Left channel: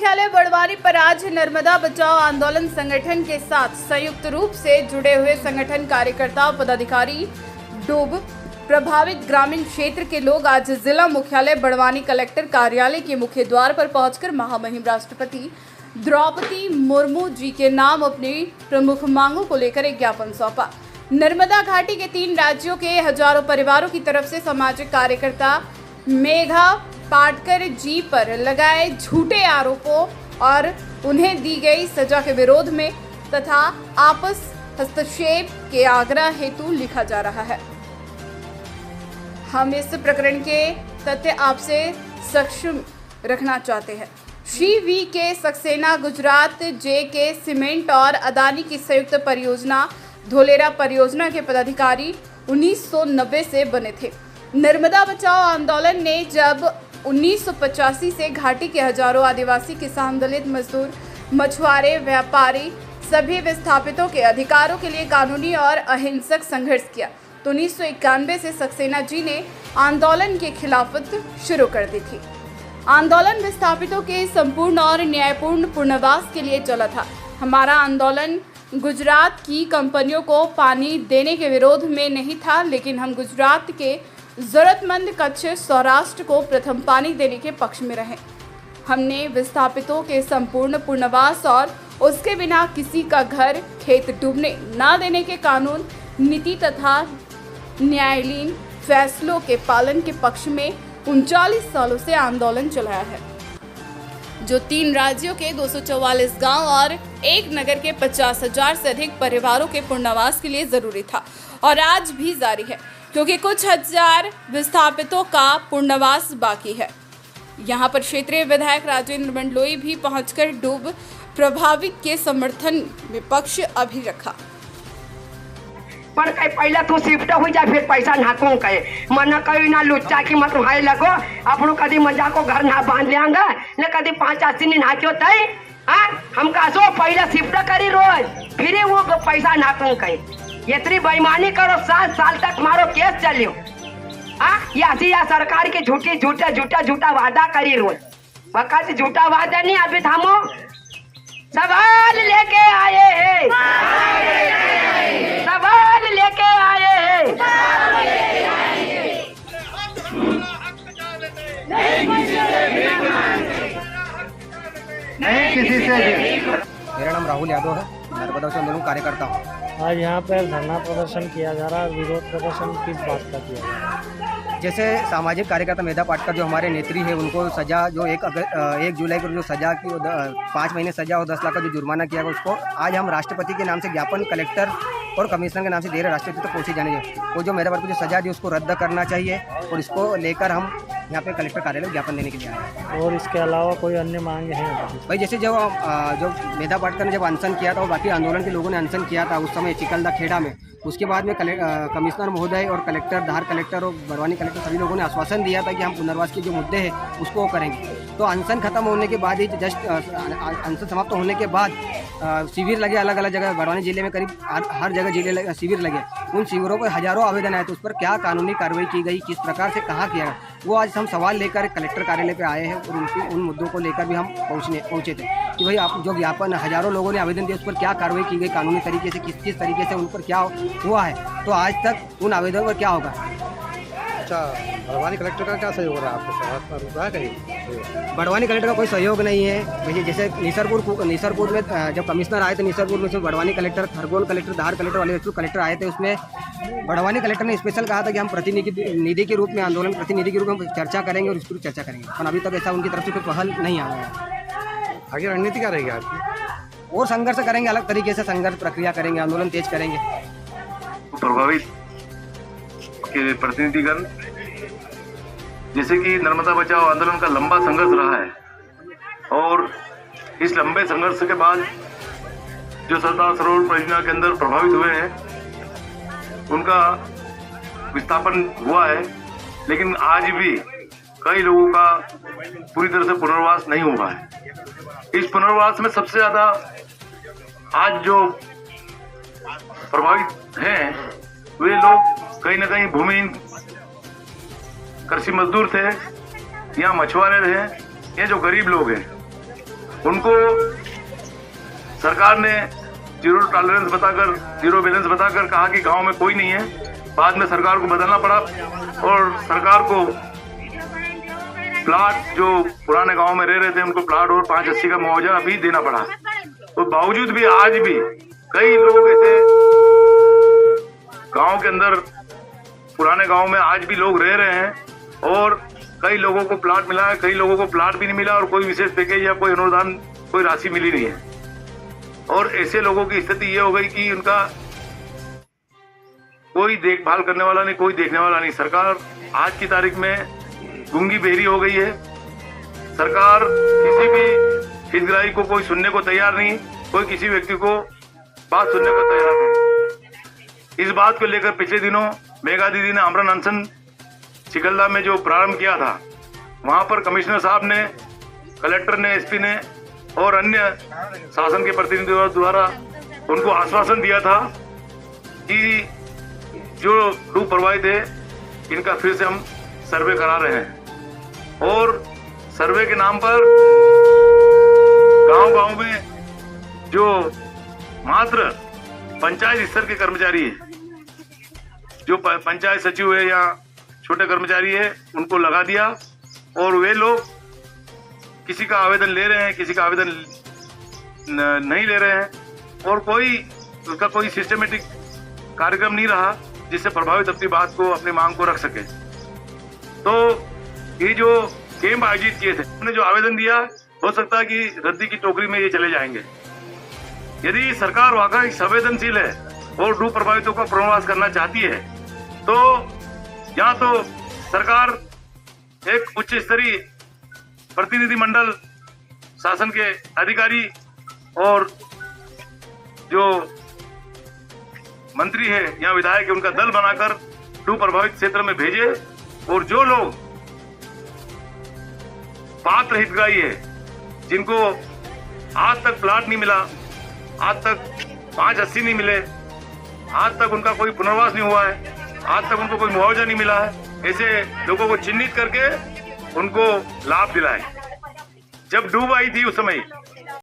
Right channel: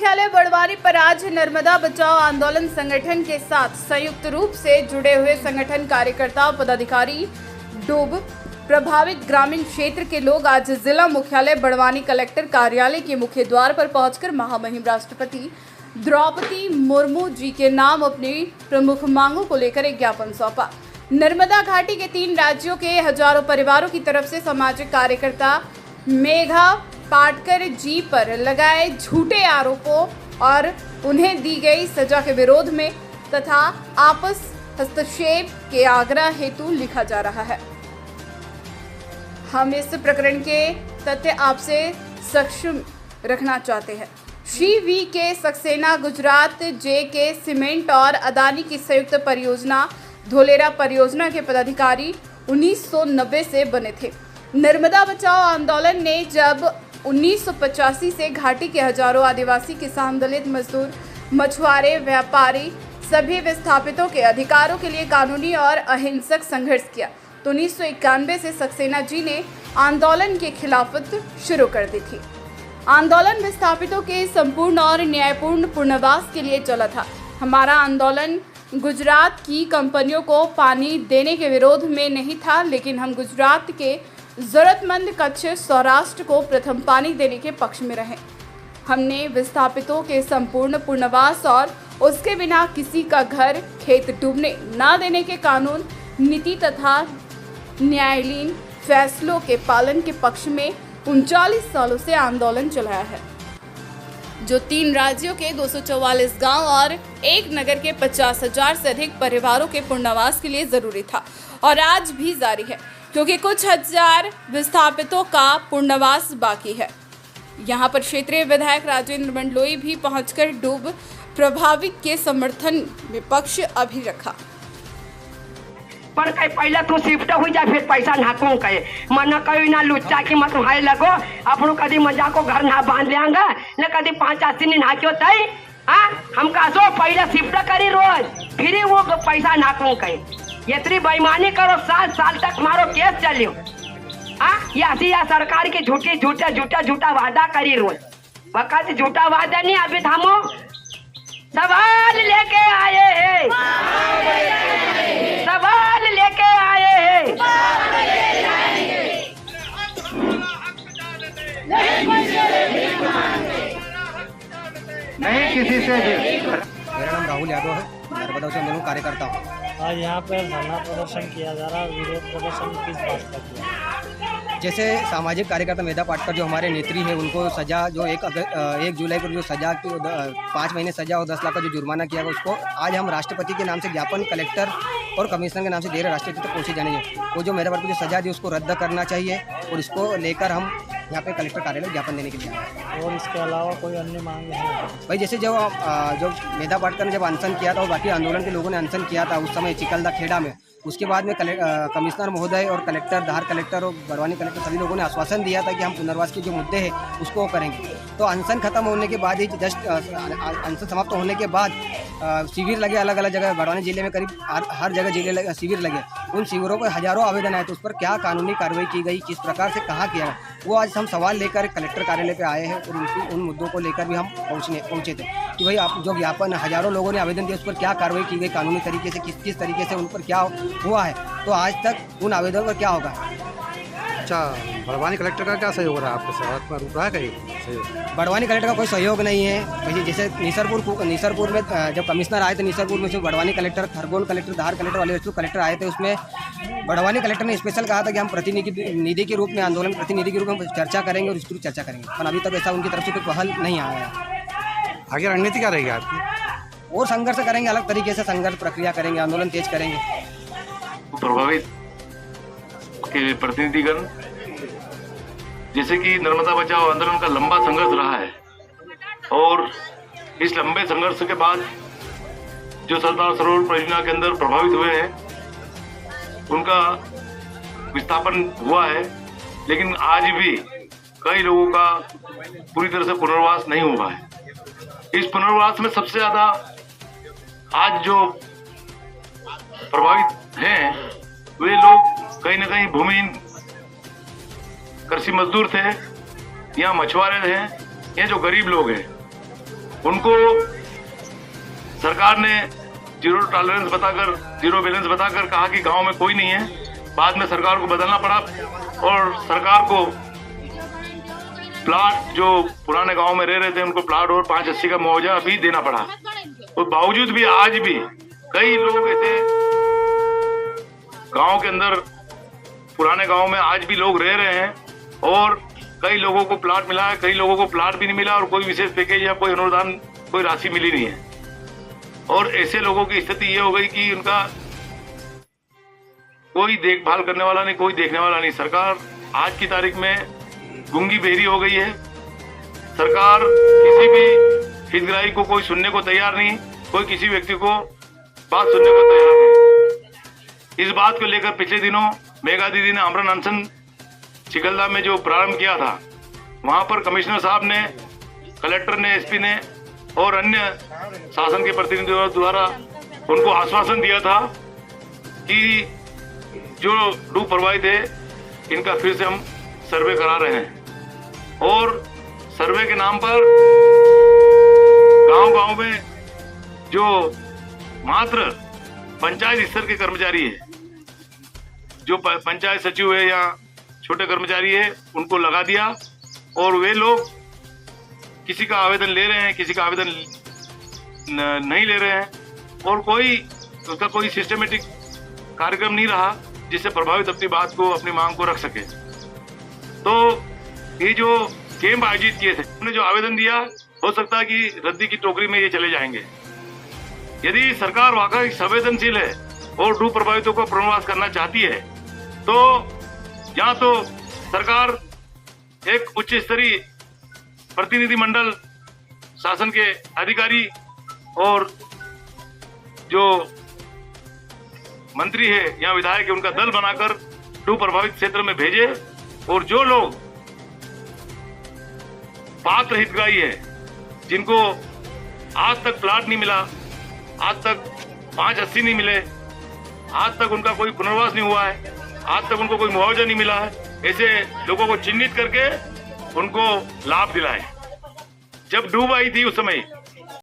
मुख्यालय बड़वानी पर आज नर्मदा बचाओ आंदोलन संगठन के साथ संयुक्त रूप से जुड़े हुए संगठन कार्यकर्ता पदाधिकारी डूब प्रभावित ग्रामीण क्षेत्र के लोग आज जिला मुख्यालय बड़वानी कलेक्टर कार्यालय के मुख्य द्वार पर पहुंचकर महामहिम राष्ट्रपति द्रौपदी मुर्मू जी के नाम अपनी प्रमुख मांगों को लेकर एक ज्ञापन सौंपा। नर्मदा घाटी के 3 राज्यों के हजारों परिवारों की तरफ से सामाजिक कार्यकर्ता मेघा पाटकर जी पर लगाए झूठे आरोपों और उन्हें दी गई सजा के विरोध में तथा आपस हस्तक्षेप के आग्रह हेतु लिखा जा रहा है। हम इस प्रकरण के तथ्य आपसे सक्षम रखना चाहते हैं। श्री वी के सक्सेना गुजरात जे के सीमेंट और अदानी की संयुक्त परियोजना धोलेरा परियोजना के पदाधिकारी 1990 से बने थे। नर्मदा बचाओ आंदोलन ने जब 1985 से घाटी के हजारों आदिवासी, किसान, दलित, मजदूर, मछुआरे, व्यापारी सभी विस्थापितों के अधिकारों के लिए कानूनी और अहिंसक संघर्ष किया तो 1991 से सक्सेना जी ने आंदोलन के खिलाफत शुरू कर दी थी। आंदोलन विस्थापितों के संपूर्ण और न्यायपूर्ण पुनर्वास के लिए चला था। हमारा आंदोलन गुजरात की कंपनियों को पानी देने के विरोध में नहीं था, लेकिन हम गुजरात के जरूरतमंद कच्छ सौराष्ट्र को प्रथम पानी देने के पक्ष में रहे। हमने विस्थापितों के संपूर्ण पुनर्वास और उसके बिना किसी का घर खेत डूबने न देने के कानून, नीति तथा न्यायालयीन फैसलों के पालन के पक्ष में 39 सालों से आंदोलन चलाया है, जो 3 राज्यों के 244 गांव और एक नगर के 50,000 से अधिक परिवारों के पुनर्वास के लिए जरूरी था और आज भी जारी है, क्योंकि कुछ हजार विस्थापितों का पुनर्वास बाकी है। यहां पर क्षेत्रीय विधायक राजेंद्र मंडलोई भी पहुंचकर डूब प्रभावित के समर्थन में पक्ष अभी रखा। पर कहीं पहले तू शिफ्ट हो जा, फिर पैसा नाकू कहे मन कहीं ना लुच्चा की मत हाय लगो अपनों कदी मजा को घर ना बांध लेंगा न कदी 5-8 दिन नाक्यो तई। हाँ हम कासो पहले शिफ्ट करी रोज फिर वो पैसा नाकू कहे इतनी बेईमानी करो 7 साल तक मारो केस चलियो। हाँ या सरकार की झूठा वादा करी रोज वक्त झूठा वादा नहीं। अभी थामो सवाल लेके आए हैं, सवाल लेके आए हैं। नहीं किसी से भी। मेरा नाम राहुल यादव है, नर्मदा बचाओ आंदोलन कार्यकर्ता हूँ। आज यहाँ पर धरना प्रदर्शन किया जा रहा है। विरोध प्रदर्शन किस बात का किया जा रहा है? जैसे सामाजिक कार्यकर्ता मेधा पाटकर जो हमारे नेत्री है, उनको सजा जो 1 जुलाई को जो सजा की 5 महीने सजा और 10 लाख का जो जुर्माना किया गया, उसको आज हम राष्ट्रपति के नाम से ज्ञापन कलेक्टर और कमिश्नर के नाम से दे रहे। राष्ट्रपति तक पहुँचे जाने वो जो मेधा पाटकर को जो सजा दी उसको रद्द करना चाहिए और इसको लेकर हम यहाँ पे कलेक्टर कार्यालय में ज्ञापन देने के लिए आए हैं। और इसके अलावा कोई अन्य मांगे हैं भाई? जैसे जो मेधा पाटकर ने जब अनशन किया था और बाकी आंदोलन के लोगों ने अनशन किया था उस समय चिकलदा खेड़ा में, उसके बाद में कमिश्नर महोदय और कलेक्टर, धार कलेक्टर और बड़वानी कलेक्टर सभी लोगों ने आश्वासन दिया था कि हम पुनर्वास के जो मुद्दे हैं उसको करेंगे। तो अनशन खत्म होने के बाद ही जस्ट अनशन समाप्त होने के बाद शिविर लगे अलग अलग जगह बड़वानी जिले में, करीब हर जगह जिले शिविर लगे। उन शिविरों पर हजारों आवेदन आए, तो उस पर क्या कानूनी कार्रवाई की गई, किस प्रकार से कहाँ किया गया, वो आज हम सवाल लेकर कलेक्टर कार्यालय पे आए हैं और उन मुद्दों को लेकर भी हम पहुँचे थे कि भाई आप जो ज्ञापन हजारों लोगों ने आवेदन दिया उस पर क्या कार्रवाई की गई कानूनी तरीके से, किस तरीके से उन पर क्या हुआ है, तो आज तक उन आवेदन पर क्या होगा। अच्छा, बड़वानी कलेक्टर का क्या सहयोग रहा है आपके साथ? आपका अभिप्राय करिए। बड़वानी कलेक्टर का कोई सहयोग नहीं है भैया। जैसे निसरपुर में जब कमिश्नर आए थे निसरपुर में, उसमें बड़वानी कलेक्टर, खरगोन कलेक्टर, धार कलेक्टर, वाले कलेक्टर आए थे। उसमें बड़वानी कलेक्टर ने स्पेशल कहा था कि हम प्रतिनिधि के रूप में, आंदोलन प्रतिनिधि के रूप में चर्चा करेंगे और इस पर चर्चा करेंगे, पर अभी तक ऐसा उनकी तरफ से कोई पहल नहीं आया है। आगे रणनीति क्या रहेगी आपकी? और संघर्ष करेंगे, अलग तरीके से संघर्ष प्रक्रिया करेंगे, आंदोलन तेज करेंगे। प्रभावित के प्रतिनिधिगण, जैसे कि नर्मदा बचाओ आंदोलन का लंबा संघर्ष रहा है और इस लंबे संघर्ष के बाद जो सरदार सरोवर परियोजना के अंदर प्रभावित हुए हैं उनका विस्थापन हुआ है, लेकिन आज भी कई लोगों का पूरी तरह से पुनर्वास नहीं हुआ है। इस पुनर्वास में सबसे ज्यादा आज जो प्रभावित हैं वे लोग कहीं ना कहीं भूमिहीन कृषि मजदूर थे या मछुआरे थे या जो गरीब लोग हैं। उनको सरकार ने जीरो टॉलरेंस बताकर, जीरो बैलेंस बताकर कहा कि गांव में कोई नहीं है। बाद में सरकार को बदलना पड़ा और सरकार को प्लाट, जो पुराने गांव में रह रहे थे उनको प्लाट और 580 का मुआवजा भी देना पड़ा। तो बावजूद भी आज भी कई लोग ऐसे गांव के अंदर, पुराने गांव में आज भी लोग रह रहे हैं और कई लोगों को प्लाट मिला है, कई लोगों को प्लाट भी नहीं मिला और कोई विशेष पैकेज या कोई अनुदान, कोई राशि मिली नहीं है। और ऐसे लोगों की स्थिति ये हो गई कि उनका कोई देखभाल करने वाला नहीं, कोई देखने वाला नहीं। सरकार आज की तारीख में गूंगी बहरी हो गई है। सरकार किसी भी हितग्राही को कोई सुनने को तैयार नहीं, कोई किसी व्यक्ति को बात सुनने को तैयार नहीं। इस बात को लेकर पिछले दिनों मेघा दीदी ने आमरण अनशन चिकलदा में जो प्रारंभ किया था, वहां पर कमिश्नर साहब ने, कलेक्टर ने, एसपी ने और अन्य शासन के प्रतिनिधियों द्वारा उनको आश्वासन दिया था कि जो डूब प्रभावित है इनका फिर से हम सर्वे करा रहे हैं। और सर्वे के नाम पर गांव-गांव में जो मात्र पंचायत स्तर के कर्मचारी है, जो पंचायत सचिव है या छोटे कर्मचारी है, उनको लगा दिया और वे लोग किसी का आवेदन ले रहे हैं, किसी का आवेदन नहीं ले रहे हैं और उसका कोई सिस्टमेटिक कार्यक्रम नहीं रहा जिससे प्रभावित अपनी बात को, अपनी मांग को रख सके। तो ये जो कैंप आयोजित किए थे, उन्होंने जो आवेदन दिया, हो सकता है कि रद्दी की टोकरी में ये चले जाएंगे। यदि सरकार वाकई संवेदनशील है और डूब प्रभावितों को पुनर्वास करना चाहती है तो या तो सरकार एक उच्च स्तरीय प्रतिनिधि मंडल, शासन के अधिकारी और जो मंत्री है या विधायक है उनका दल बनाकर डूब प्रभावित क्षेत्र में भेजे और जो लोग पात्र हितग्राही है, जिनको आज तक प्लाट नहीं मिला, आज तक 580 नहीं मिले, आज तक उनका कोई पुनर्वास नहीं हुआ है, आज तक उनको कोई मुआवजा नहीं मिला है, ऐसे लोगों को चिन्हित करके उनको लाभ दिलाए। जब डूब आई थी उस समय